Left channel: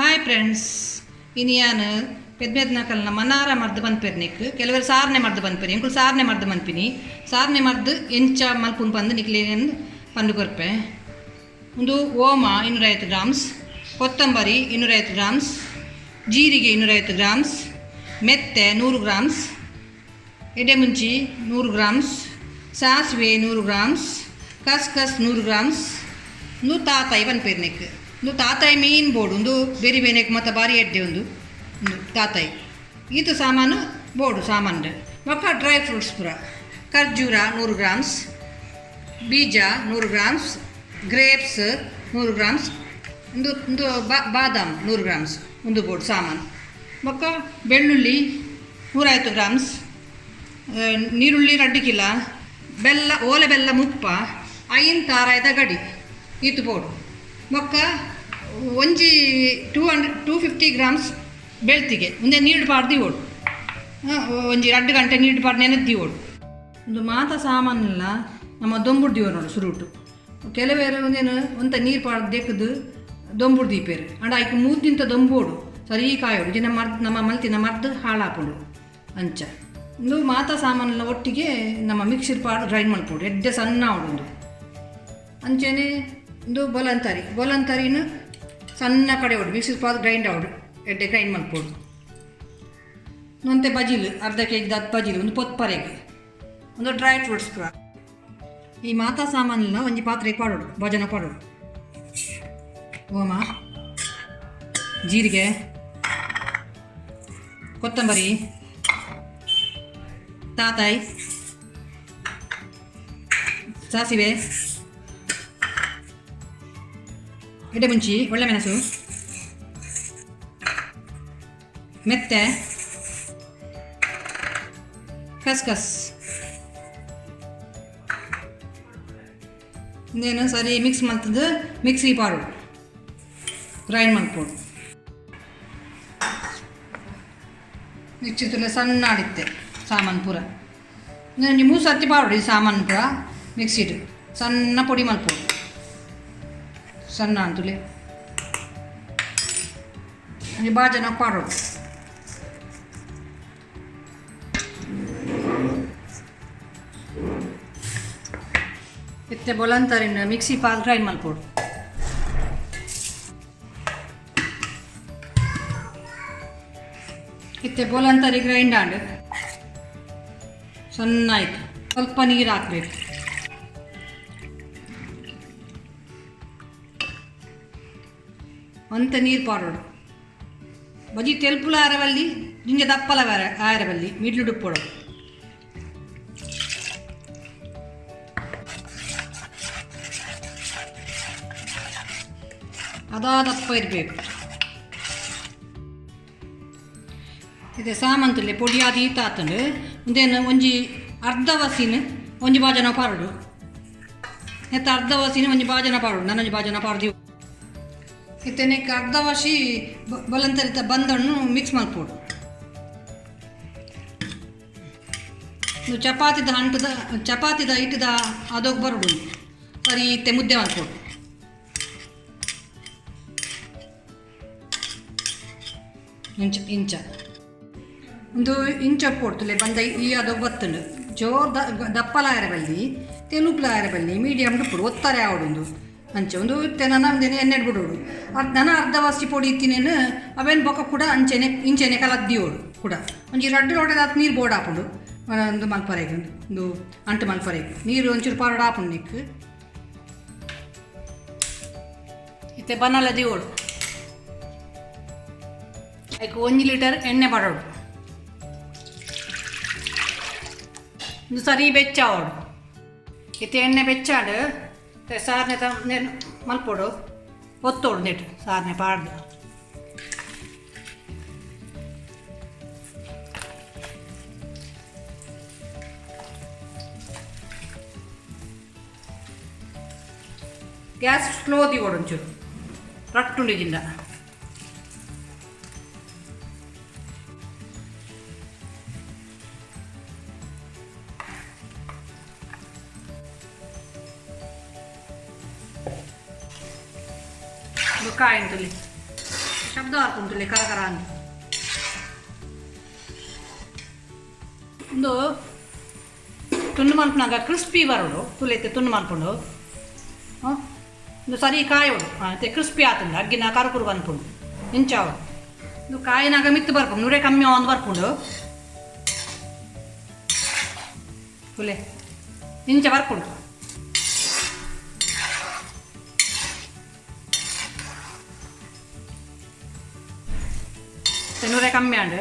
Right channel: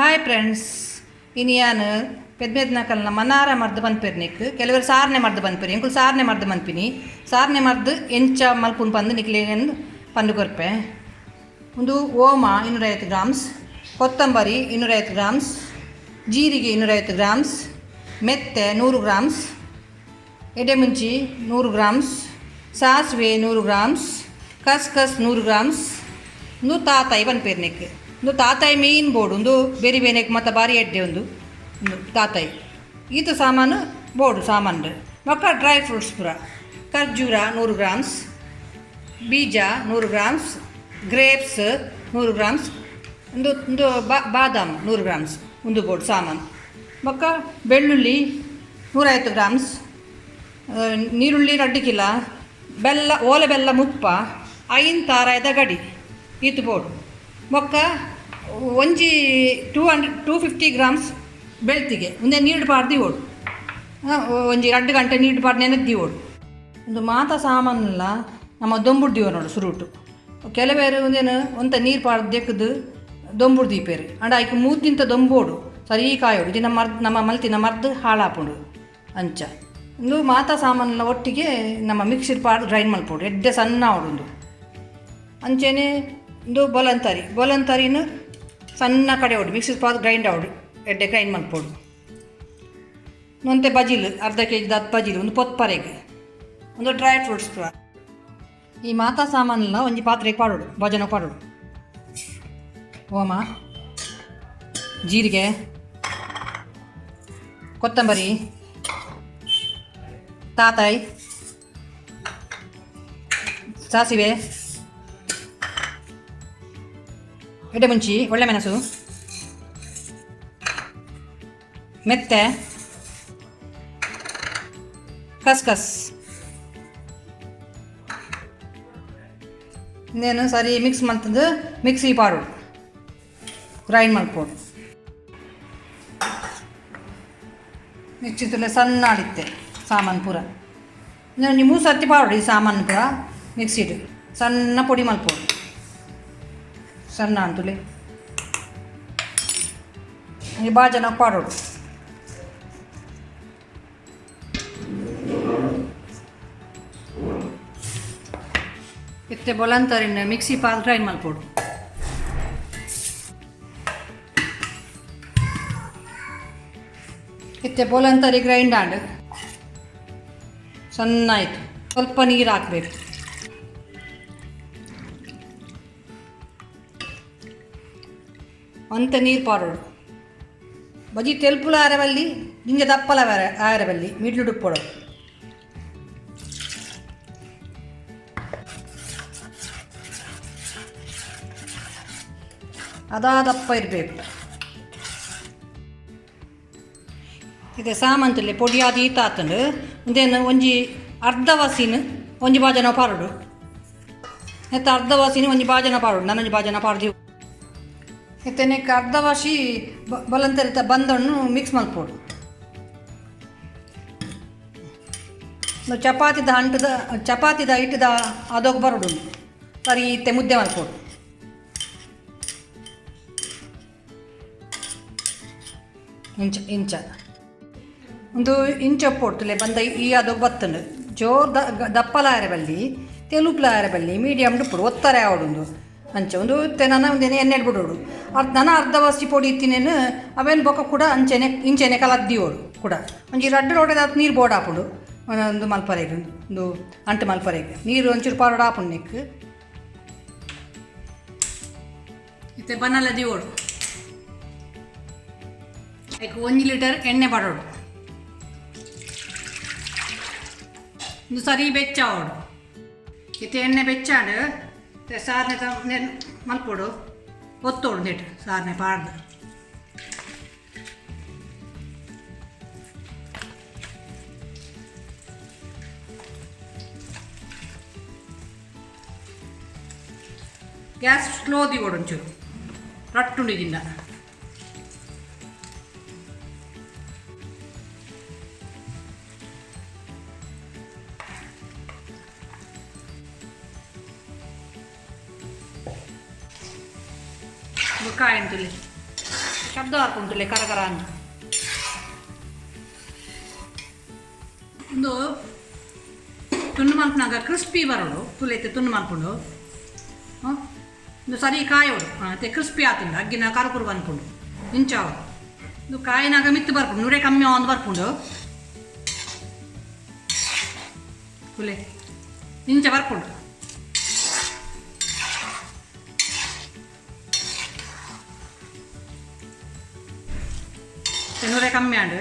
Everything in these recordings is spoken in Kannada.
ಹಾಯ್ ಫ್ರೆಂಡ್ಸ್, ಇನ್ನು ನಾನು ಪೆದ್ಮೆದ್ನಕಲ್ನ ಮನಾರ ಮರ್ದು ಬಂದ್ಪೇರು ಕೆಲವರು ಸಾರ್ನೆ ಮರ್ದು ಬಂದ್ಪೇರಿ ಎಂಕುಲು ಸಾರ್ನೆ ಮರ್ದು ಬಂದ್ಪಿನಿ. ಸಾರ್ನೆ ಮರ್ದು ಎಂಚ ಮಲ್ಪುಂಡು ಬಂದು ನಿಕ್ಲೇನು ಪಂಡು ಕೊರ್ಪೆ. ಒಂದು ಓಮ 250 ಗ್ರಾಮ್ಸ್, ಕೊತ್ತಂಬರಿ 250 ಗ್ರಾಮ್ಸ್, ಜೀರಿಗೆ 250 ಗ್ರಾಮ್ಸ್, ಮೆತ್ತೆ 100 ಗ್ರಾಮ್ಸ್, ಎಡೆಮುಂಚಿ 100 ಗ್ರಾಮ್ಸ್, ಸಾಸಿವೆ 100 ಗ್ರಾಮ್ಸ್, ಕಸ್ಕಸ್ 100 ಗ್ರಾಮ್ಸ್, ಒಂದು ತಾತಾಯಿ ಬಂದ್ಪೇರ್ನೆಕ್. ಒಂದು ತಾತಾಯಿ ಮೀನ್ ಬೋಡು ಒಂದು ಬೇರೆ ಬೇನೆಕ್ ಮತ್ತು ಬಾರಿ ಎಡ್ಡೆ ಒಂದು ತಾತಾಯಿ ಇದು ಸಾಮಾನು ಬೋಡು ಸಾಮಾನು. ಮೊಕ್ಕ ಡ್ರೈ ಫ್ರೂಟ್ಸ್ ಪೂರ ಖರ್ಜೂರ 100 ಗ್ರಾಮ್ಸ್, ಬೀಜ 100 ಗ್ರಾಮ್ಸ್, ಗ್ರೇಪ್ಸ್ 100 ಗ್ರಾಮ್ಸ್, ಒಂದು ಬಾದಾಮ್ 100 ಗ್ರಾಮ್ಸ್ ಒಂದು ಬೋಡು ಸಾಮಾನು. ಮೊಕ್ಕ ಬೆಳ್ಳುಳ್ಳಿ 150 ಗ್ರಾಮ್ಸ್, ನೀರುಳ್ಳಿ 2 ಕಿಲೋ, ಬೆಲ್ಲ ಓಲೆ ಬೆಲ್ಲ ಮುಪ್ಪ 5 ತಾರಾಯದ ಗಡಿ ಇದು ಬೋಡು. ಮೊಕ್ಕ ಒಂಜಿ 250 ಗ್ರಾಮ್ಸ್ ಬೆಳ್ತಿಗೆ ಒಂದೇ ನೀಡು ಪಾಡ್ದು ಓಡು ಒಂಜಿ 2 ಗಂಟೆ ನೀಡು ಪಾಡು ನೆನೆದ್ದಿ ಓಡು. ಒಂದು ಮಾತ ಸಾಮಾನೆಲ್ಲ ನಮ್ಮ ದೊಂಬುಡ್ದಿವ ನೋಡು ಸುರುಟು. ಕೆಲವೇರು ಒಂದೇನು ಒಂತ ನೀರು ಪಾಡ್ದು ದೆಕ್ಕದು ದೊಂಬುಡು ದೀಪೇರು ಅಂಡ ಆಯ್ಕೆ ಮೂದಿಂತ ದೊಂಬೋಡು ಸರಿ ಕಾಯೋಡು ಇದು ನಮ್ಮ ಮಲ್ತಿನ ಮರ್ದು ಹಾಳಾಪುಂಡು ಅಂಚ. ಒಂದು ಮಾತ ಸಾಮಾನೆಲ್ಲ ಒಟ್ಟಿಗೆ ನಮ್ಮ ಮಿಕ್ಸಿರ್ ಪಾಡು ಗ್ರೈಂಡ್ ಮಲ್ಪೋಡು ಎಡ್ಡೆ ಸಣ್ಣ ಅವಡು ಅಂಚೆನೆ. ಒಂದು ಬೊಲಂತರಿನ ಸಣ್ಣ ಕಡೆ ಹೊಡು ಮಿಕ್ಸಿರ್ ಪಾದು ಗ್ರೈಂಡ್ ಆವಡು ಎಡ್ಡೆ ಗ್ರೈಂಡ್ ಮಲ್ಪೋಡು. ನೊಂತೆ ಬಜಿಲು 1/2 kg 10 ಬಜಿಲು ಒಂದು ಪೊತ್ಪರೆಗೆ ಒಂದು ಡ್ರೈ ಫ್ರೂಟ್ಸ್ ಪೂರ. ಈ ಮಾತಾ ಸಾಮಾನೆಲ್ಲ ಒಂಜಿ ಪಾತ್ರೆಗೆ ಪಾಡೋಡು ಭಜನ ಪಾಡೋಡು. ಓಮ, ಜೀರಿಗೆ, ಕೊತ್ತಂಬರಿ, ತಾತಾಯಿ, ಸಾಸಿವೆ, ಎಡೆಮುಂಚಿ, ಒಳ್ಳೆ ಮೆಣಸು, ಮೆತ್ತೆ, ಕಸ್ಕಸ್ ಇನ್ನೇನು ಸರಿ ಮಿಕ್ಸ್ ಮಾಡ್ತಂದು ಮಿಕ್ಸಿ ಪಾಡೋಡು ಗ್ರೈಂಡ್ ಮಾಡ್ಕೊಡು. ಮಿಕ್ಸಿ ತುಲೆ ಸಣ್ಣ ಆಡಿತ್ತೆ ಸಾಮಾನು ಪೂರ. ಇನ್ನೊಂದು 3 ಸರ್ತಿ ಪಾಡೋಡು ಈ ಸಾಮಾನು ಪೂರ ಮಿಕ್ಸಿಡು ಸಣ್ಣ ಪೊಡಿ ಮಲ್ಪೋಡು ಸಣ್ಣ ಅಂತುಲೆ ಬಾಜನ ಪಾಡೋಡು. ಇತ್ತೆ ಬೊಲಂತರಿನ ಮಿಕ್ಸಿ ಪಾಲ್ ಗ್ರೈಂಡ್ ಮಲ್ಪೋಡು. ಇತ್ತೆ ಬೊಲಂತರಿ ಗ್ರೈಂಡ್ ಆಂಡ್ ಸಣ್ಣ ಆಯಿತು. ಸ್ವಲ್ಪ ನೀರು ಹಾಕಬೇಕು. ಅಂಥ ನೀರು ಪಾಡೋಡು ಬಜಿ ತೆಲ್ಪುಲ ಆರಬಲ್ಲಿ ಜಿಂಜ ದಪ್ಪಲ ಆರಬಲ್ಲಿ ಮಿಡ್ಲು ಡುಪ್ಪೋಡು. ದಪ್ಪ ಇರಬೇಕು. ಇದೆ ಸಾಮಂತಲ್ಲಿ ಪೊಡಿ ಆದಿ ತಾತಂಡು ಒಂದೇನು ಒಂಜಿ ಅರ್ಧ ವಸಿನ ಒಂಜಿ ಬಾಜನ ಪಾಡೋಡು ಎತ್ತ ಅರ್ಧ ವಸಿನ ಒಂಜಿ ಬಾಜನ ಪಾಡೋಡು ನನ್ನೊಂಜಿ ಬಾಜನ ಪಾಡ್ದು ಎತ್ತನೆಕ್ಕೆ ಅರ್ಧ ವಾಸಿ ಬಲಂತರಿತ ಬಂದಣ್ಣು ಮಿಕ್ಸ್ ಮಲ್ಪೋಡು. ಚಪಾತಿದ ಹಿಟ್ಟದ ಅದೋಗಿ ಬರೋಡು ಸರಿ ಇತ್ತೆ ಮುದ್ದೆ ಮಲ್ಪೋಡು. ಇಂಚ ಒಂದು ಇಂಚಪ್ಪೊಡ್ತಲೆ ಬಂದ ಈ ಅದೋಗಿ ಬತ್ತಂಡು ಜೋರ್ ದಪ್ಪಲ ಆರಬಲ್ಲಿ ತೆಲುಪ್ಲ ಆರಬಲ್ಲಿ ಮೀಡಿಯಮ್ ಡುಪ್ಪುಡು ಒತ್ತಾರೆ ಆವಡು ಅಂಚೆ ಒಂದು ತೆನನ ಒಂದೇನೆ ಎಣ್ಣೆ ಬಿಡೋಡು. ಅರ್ಧ ವಸಿ ಪೊಡಿ ಇತ್ತಿನೇನು ಅವೇನು ಬೊಕ್ಕ ಕೂಡ ಇಂಚೆನೆ ಕಲದ್ದಿಯೋಡು ಕೂಡ ಒಂಜಿ 2 ಲೋಟದ ನೀರು ಬೋರ್ಡ್ ಹಾಪುಡು ಒಂದು ಮಲ್ಪರೆಗೆ ಒಂದು ಅಂಟು ಮಲ್ಪರೆಗೆ ನೀರು ಒಂಚೂರು ಪಾರೋಡು ಹಾಪುಂಡು ನೆಕ್ ಇತ್ತೆ ಬನ್ನಲ್ಲ ದಿಯೋಡು. ಅದಕ್ಕೆ 1 ಲೀಟರ್ ಎಣ್ಣೆ ಪಡೋಡು ಒಂದು ಸರಿ ಬೆಚ್ಚಾವಡು. ಇತ್ತೆ ಎಣ್ಣೆ ಬೆಚ್ಚಾಡು ಸಾರ್ನೆ ಮಲ್ಪೋಡು ಒತ್ತೋಡು ನೆಟ್ಟು ಸಾರ್ನೆ ಪಾಡ್ದು. ಗ್ಯಾಸ್ ಸ್ಲೋ ದಿಗೋಡು ಒಂಚೂರು ರಟ್ಟುಂಡಿಜಿಂದ. ಕಾಯಿ ಅಂತಲ್ಲಿ ಶಬ್ದ ಹಾಕೊಂಡ್ಲೆ ಕರ ಅಂತ ಒಂದು ತುಂಡು ಮಲ್ಪನಾಗ ಕ್ರಿಸ್ಪಿ ಬರೋಡು ತುಲೈತೆ ತುಂಡು ಮಲ್ಕೊಂಡು ಒಂದು ಸರಿ ಕಾಯೋಡು ಮತ್ತೆ ಕ್ರಿಸ್ಪಿ ಆತುಂಡು ಅಗ್ಗಿನ ಕರುಕುರು ಬಂದ್ಕೊಂಡು ಇಂಚಾವ ಇದು ಕಾಯಿನಾಗ ಮಿತ್ತು ಬರ್ಕೊಂಡು ನೂರೇ ಕಮ್ಮಿ ಒಂದು ಬರ್ಕೊಂಡು ತುಲೆ ಇಂಚ ಬರ್ಕೊಂಡು ನೂರೇ ಕಮ್ಮಿ ಆಂಡು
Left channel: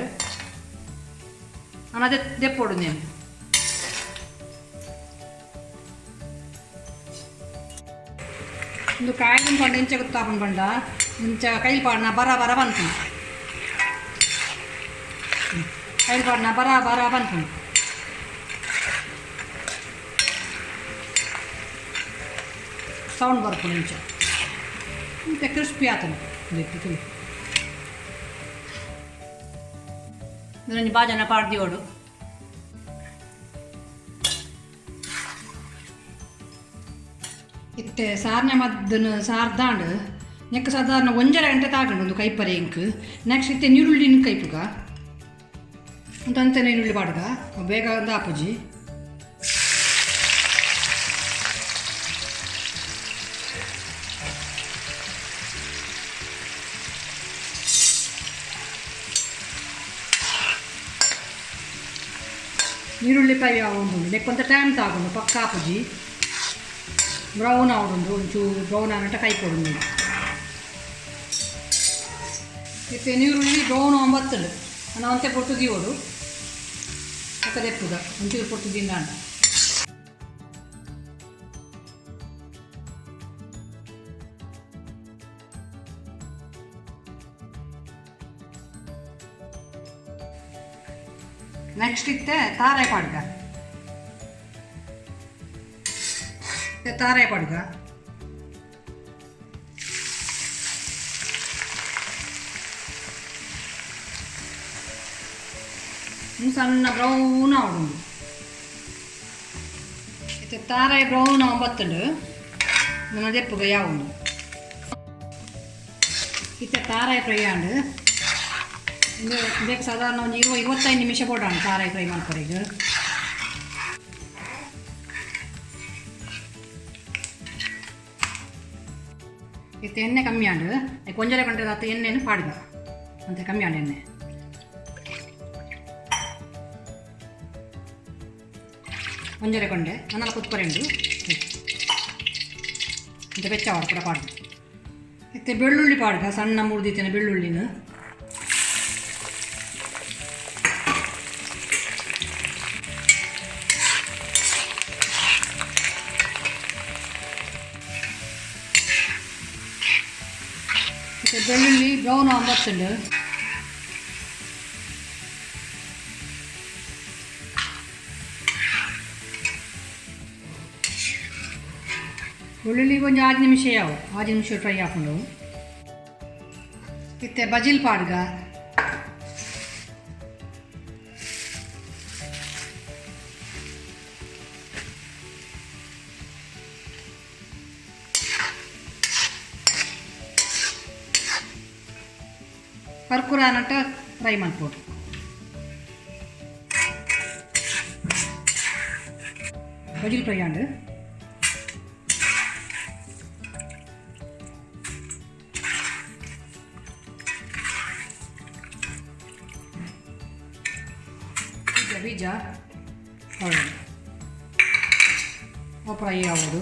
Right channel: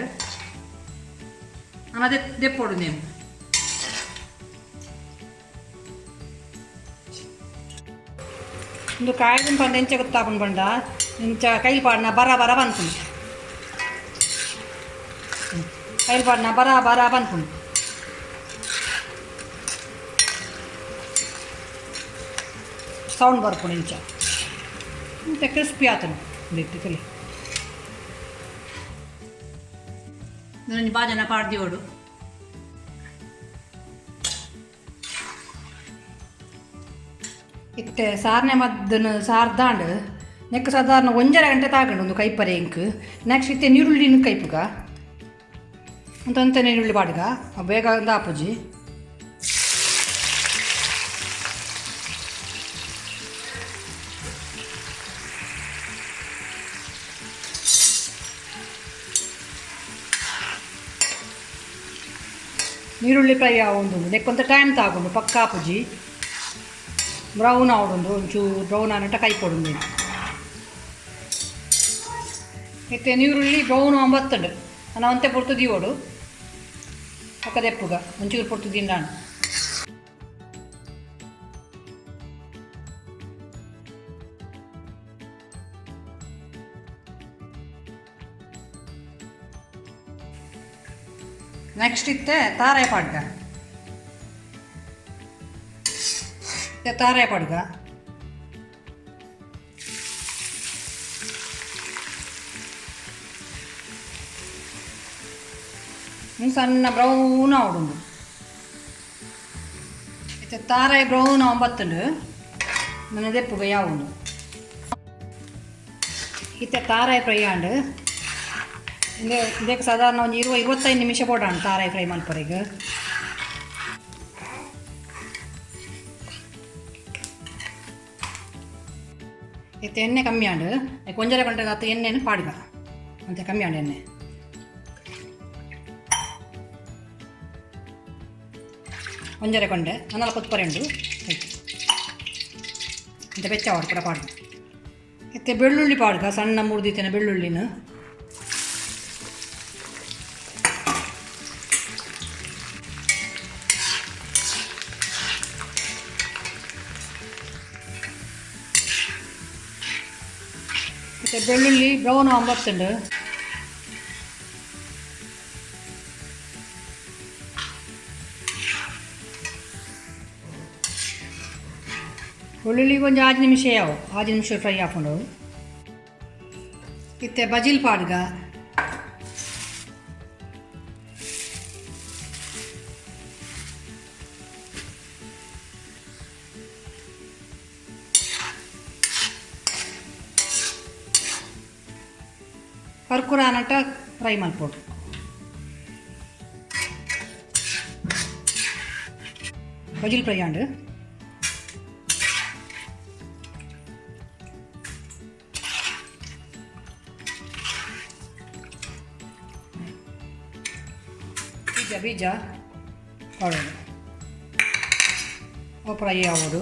ನಾನು ಅದೇ ದೆಪ್ಪೋಡು ನೀನು ಒಂದು ಕಾಯ್ದು ಪಂಡ ಇಂಚ ಗೊತ್ತಾಕೊಂಡು ಬಂಡ ಇಂಚ ಕೈಲಿ ಪಾಡ್ನ ಬರ ಬಂದ್ಕೊಂಡು ಕೈಲಿ ಪಾಡ್ನ ಬರ ಬಂದ್ಕೊಂಡು ಸೌಂಡ್ ಬರ್ಕೊಂಡು ಇಂಚ ಇಂಚ ಕ್ರಿಸ್ಪಿ ಆತನು ಇಟ್ಟು ತಿಳಿ ಇದೊಂದು ಬಾಜನ ಪಾಡ್ದಿಯೋಡು ಇತ್ತೆ ಸಾರ್ನೆ ಮದ್ದನ್ನು ಸಾರ್ದಾಂಡು ನೆಕ್ ಸಾಧಾರಣ 1.5 ಗಂಟೆ ತಾಗಂಡು ಒಂದು ಕೈಪರೆ ಇಂಕ್ ನೆಕ್ಸ್ಟ್ ಇತ್ತೆ ನೀರುಳ್ಳಿನ ಕೈಪುಗ ಅಂತ ನೀರುಳ್ಳಿ ಪಾಡ್ಗ ಬೇಗ ಒಂದು ಆಪುಜಿ ನೀರುಳ್ಳಿ ಫ್ರೈ ಆವೊಂದು ನೆಕ್ಕೊಂತ ಟೈಮ್ ತಾಗೊಂಡು ಪಕ್ಕ ಆಪುಜಿ ಬ್ರೌನ್ ಆವೊಂದು ಒಂಚೂರು ಬ್ರೌನ್ ಆನಟ ಕೈ ಕೊಡು ಎತ್ತೆ ನೀರುಳ್ಳಿ ಬ್ರೌನ್ ಆಂಬತ್ತಂಡು ನಾನು ಅಂತೆ ಪೊರ್ತು ದೀವೋಡು ಪಕ್ಕದೆಪ್ಪುಗ ಒಂಚೂರು ಪೊರ್ತು ದಿಂಡಾಂಡು ನೆಕ್ಸ್ಟ್ ಇತ್ತೆ ತಾರಾಯ ಪಾಡ್ಗ ತಾರಾಯ ಪಾಡ್ಗ ಸಣ್ಣ ಬ್ರೌನ್ ಆವಡುಂಡು ಇತ್ತೆ ತಾರಾಯ ಬ್ರೌನ್ ಆಂಬತ್ತುಂಡು ನನ್ನ ದೆಪ್ಪುಗ ಯಾವುದು ಇತ್ತೆ ತಾರಾಯ ಫ್ರೈ ಆಂಡು ಇದಕ್ಕೆ ಸಾಧಾರಣ ಒಂದು 20-25 ನಿಮಿಷ ಬೋಡಾಣ ತಾರಾಯಿ ಫ್ರೈ ಮಾಡ್ಕೊರೆಗೆ ಇತ್ತು ಎಣ್ಣೆ ಕಮ್ಮಿ ಆಂಡು ಕೊಂಜರೆ ಗಂಟೆ ಆತು ಎಣ್ಣೆನು ಪಾಡ್ಗ ಅಂತ ಕಮ್ಮಿ ಆಂಡು ಎಣ್ಣೆ ಒಂಜರೆ ಕೊಂಡೆ ನನ್ನಲ್ಲ ಕೊತ್ಪರೆಂಡು ಅಂತ ಬೆಚ್ಚವಾಡು ಕೂಡ ಪಾಡ್ಗ ಇತ್ತೆ ಬೆಳ್ಳುಳ್ಳಿ ಪಾಡ್ಗ ಸಣ್ಣ ಮುರಿದಿತ್ತೇನೆ ಬೆಳ್ಳುಳ್ಳಿನ ಬೆಳ್ಳುಳ್ಳಿ ಬ್ರೌನ್ ಆಂಬತ್ತುಂಡು ಬೆಳ್ಳುಳ್ಳಿ ಕೊಂಚ 5 ನಿಮಿಷ 5 ನಿಮಿಷ ಫ್ರೈ ಹಾಕೊಂಡು ಇತ್ತೆ ಬಜಿಲ್ ಪಾಡ್ಗ ಕರ್ಕುರ ನಟ ಫ್ರೈ ಮಲ್ಪೋಡು ಬಜಿಲ್ ಫ್ರೈ ಆಂಡು ಬೀಜ ಮಾಡೋದು ಫ್ರೈ ಆಗೋದು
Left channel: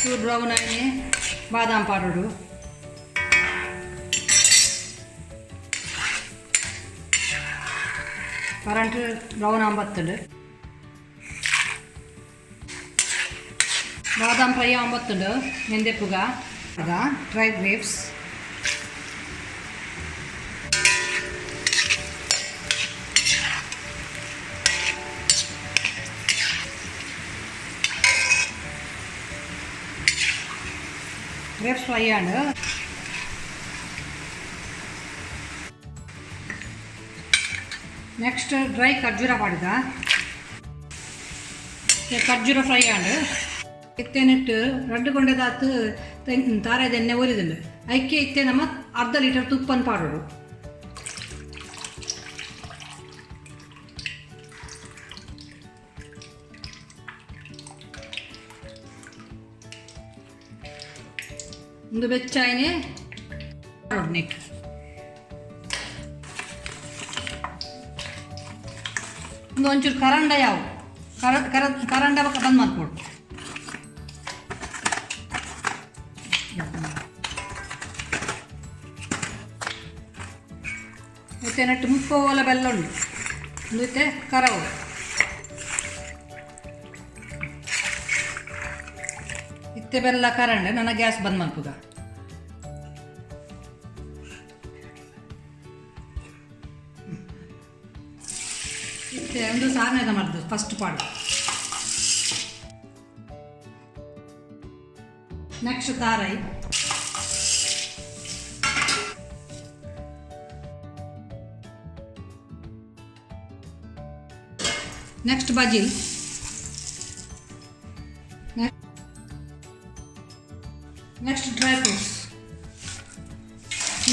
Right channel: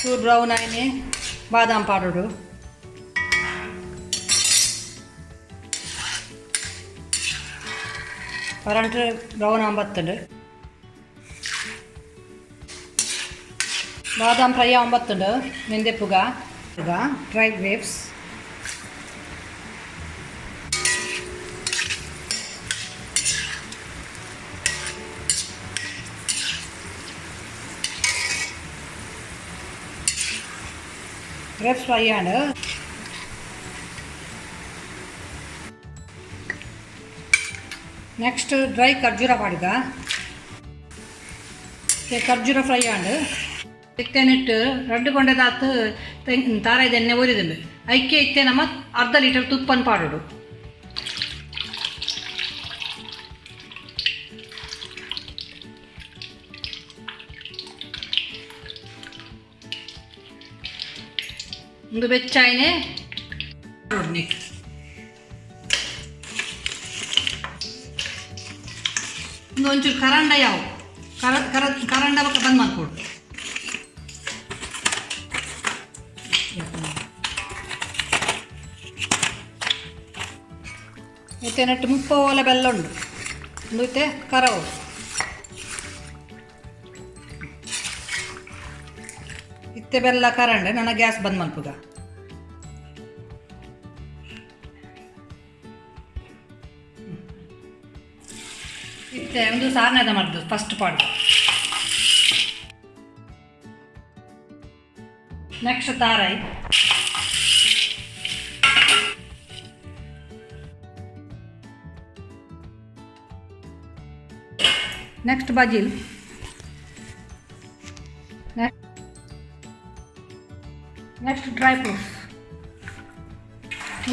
ಚೂರು ಬ್ರೌನ್ ಆಯ್ನೆ ಬಾದಾಮ್ ಪಾಡೋಡು ಕರೆಂಟ್ ಬ್ರೌನ್ ಆಂಬತ್ತುಂಡು ಬಾದಾಮ್ ಫ್ರೈ ಆಂಬತ್ತುಂಡು ಮೆಂದೆಪ್ಪುಗ ಈಗ ಡ್ರೈ ಗ್ರೇಪ್ಸ್ ಗ್ರೇಪ್ಸ್ ಫ್ರೈ ಆಂಡು ನೆಕ್ಸ್ಟ್ ಡ್ರೈ ಖರ್ಜೂರ ಪಾಡ್ಗ ಖರ್ಜೂರ ಫ್ರೈ ಆಂಡು ಇತ್ತೇನಿಟ್ಟು 2 ಕೊಂಡೆದಾತು ತಾರಾಯ್ದ ಎಣ್ಣೆ ಉರಿದುಂಡು ಐಕೆ ಇತ್ತೆ ನಮ್ಮ ಅರ್ಧ ಲೀಟರ್ ತುಪ್ಪನ ಪಾಡೋಡು. ಒಂದು ಬೆಚ್ಚಾಯನೆ ನೆಕ್ ಒಂದು ಒಂಚೂರು ಕರಂಡ ಯಾವ ಕರಂಡ ಬಕ್ಕ ಬಂದ್ ಮಾಡ್ಕೊಡು. ಮತ್ತೆ ನೆಟ್ಟು ಮುಪ್ಪೋಲ ಬೆಲ್ಲ ಉಂಡು ಒಂದು ಇತ್ತೆ ಕರವು ಇತ್ತೆ ಬೆಲ್ಲ ಕರಂಡೆ ನನ್ನ ಗ್ಯಾಸ್ ಬಂದ್ ಮಲ್ಪುಗ. ಇತ್ತೆ ಒಂದು ಸಾರ್ನೆದ ಮಾಡ್ದು ಫಸ್ಟ್ ಪಾಡು. ನೆಕ್ಸ್ಟ್ ತಾರಾಯಿ, ನೆಕ್ಸ್ಟ್ ಬಜಿಲ್, ನೆಕ್ಸ್ಟ್ ಡ್ರೈ ಫ್ರೂಟ್ಸ್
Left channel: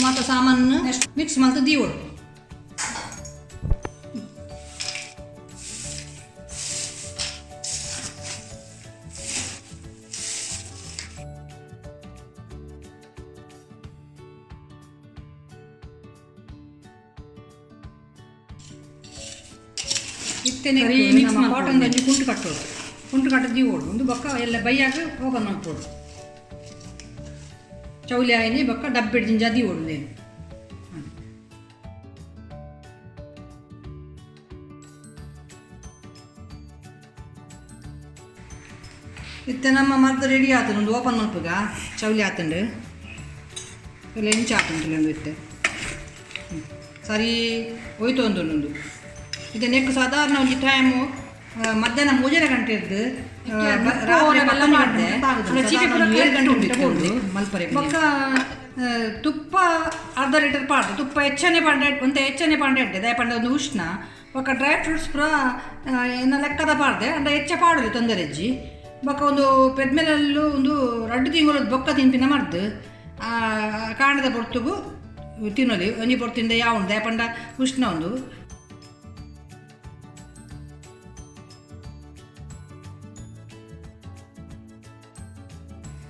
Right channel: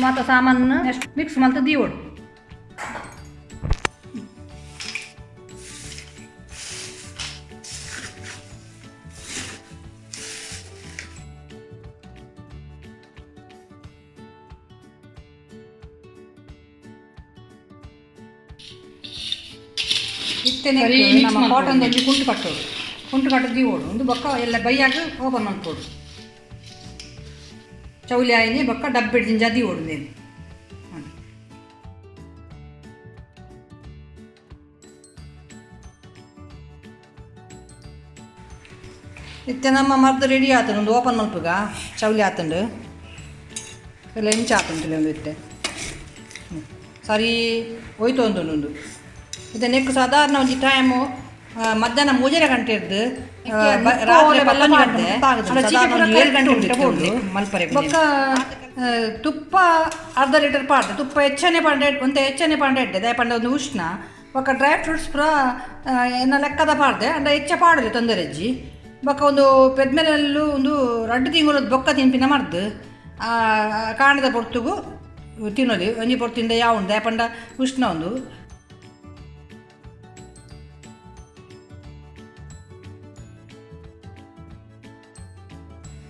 ಮತ್ತು ಸಾಮಾನು ನೆಕ್ಸ್ಟ್ ಮಿಕ್ಸ್ ಮಾಡ್ತು ದೀವೋಡು. ಇತ್ತೇನೆ ನಮ್ಮ ಕಾಟನ್ ಒಂಜಿ ಕುಂಟು ಕಟ್ಟೋದು, ಕುಂಟು ಕಟ್ಟದು ದೀವೋಡು ಒಂದು ಬೊಕ್ಕ ಎಲ್ಲ ಬೈಯಾಗ ಓಪನ್ ಮಾಡ್ಕೋಡು. ಚೌಲಿ ಆಯನೆ ಬೊಕ್ಕ ಡಬ್ಬೆ ಜಿಂಜ ದೀವೋಡು ನೇನು. ಇತ್ತೆ ನಮ್ಮ ಮರ್ದು ರೆಡಿ ಆತನು ಒಂದು ಓಪನ್ ಮಲ್ಪುಗ ಚೌಲಿ ಆತಂಡು ಎಲ್ಲ ಇಂಚ ಆತಂತಿಲ್ಲ ಒಂದು ಇತ್ತೆ ಸರಿ ಹೋಯ್ತು ಒಂದು ಇದು ನೆಕ್ಕು ಸಾಧಾರಣ ಒಂದು ಟೈಮು ಮಧ್ಯಾಹ್ನ 3 ಗಂಟೆ ಇದ್ದು ಮಲ್ಪರೆ ಬೊಕ್ಕ ತುಪ್ಪ ಅರ್ಧ ಲೀಟರ್ ಪಾಡ್ದೆ ತುಪ್ಪ ಹೆಚ್ಚನೆ ಪಾಂಡೆ ಒಂದು ಹೆಚ್ಚನೆ ಪಾಂಡೆ ಇಡ್ಡೆ ದಯ ಪಂಡ ಒಂದು ಉಷ್ಣ ಬೊಕ್ಕ ಡ್ರೈ ಫ್ರೂಟ್ಸ್ ಪೂರ ಏನ ಲೆಕ್ಕದ ಪಾಡ್ದೆ ಅಂಡ ಹೆಚ್ಚ ಪಾಡಲಿ ತೊಂದರೆ ಅಜ್ಜಿ ಬೊಕ್ಕ ಒಂದು ಪೆದ್ಮೇಲಲ್ಲೂ ಒಂದು 2 ತಿಂಗಳು ಬೊಕ್ಕ ತಿನ್ಪಿನ ಮಾಡ್ದು ಕಾಂಡದ ಪೊರ್ತುಗು ತಿನ್ನೋದು ಒಂಜಿ ಪೊರ್ತಿಂದ ಯಾವ ಉಂಡು ದಯ ಪಂಡ ಉಷ್ಣ ಒಂದು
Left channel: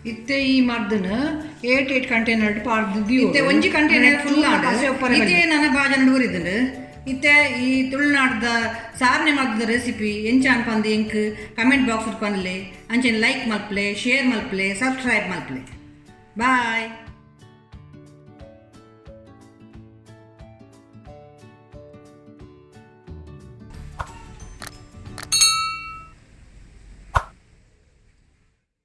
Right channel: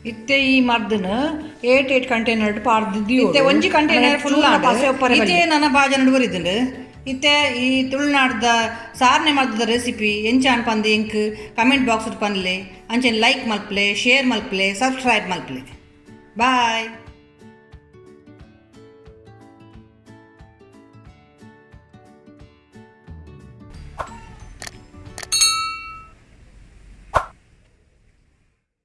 ಇತ್ತೆ ಈ ಮರ್ದನ 8 ಕಂಟೈನರ್ ಪಾಡ್ದು ಇತ್ತೆ ಒಂಜಿ ಕಂಟೈನರ್ ಫುಲ್ ಇತ್ತೆ ನನ್ನ ಬಾಜನ ಬರಿದುಂಡು ಇತ್ತೆ ಈ ತುಳುನಾಡ್ದ ಸಾರ್ನೆ ಮರ್ದದ ರೆಸಿಪಿ ಎಂಚಾನ್ ಪಂದು ಎಂಕ್ ಕಮೆಂಟ್ ಬಾಕ್ಸ್ ಪನ್ಲೆ ಅಂಚೆನ್ ಲೈಕ್ ಮಲ್ಪಲೆ ಶೇರ್ ಮಲ್ಪಲೆ ಸಬ್ಸ್ಕ್ರೈಬ್ ಮಲ್ಪಲೆ ಬಾಯ್.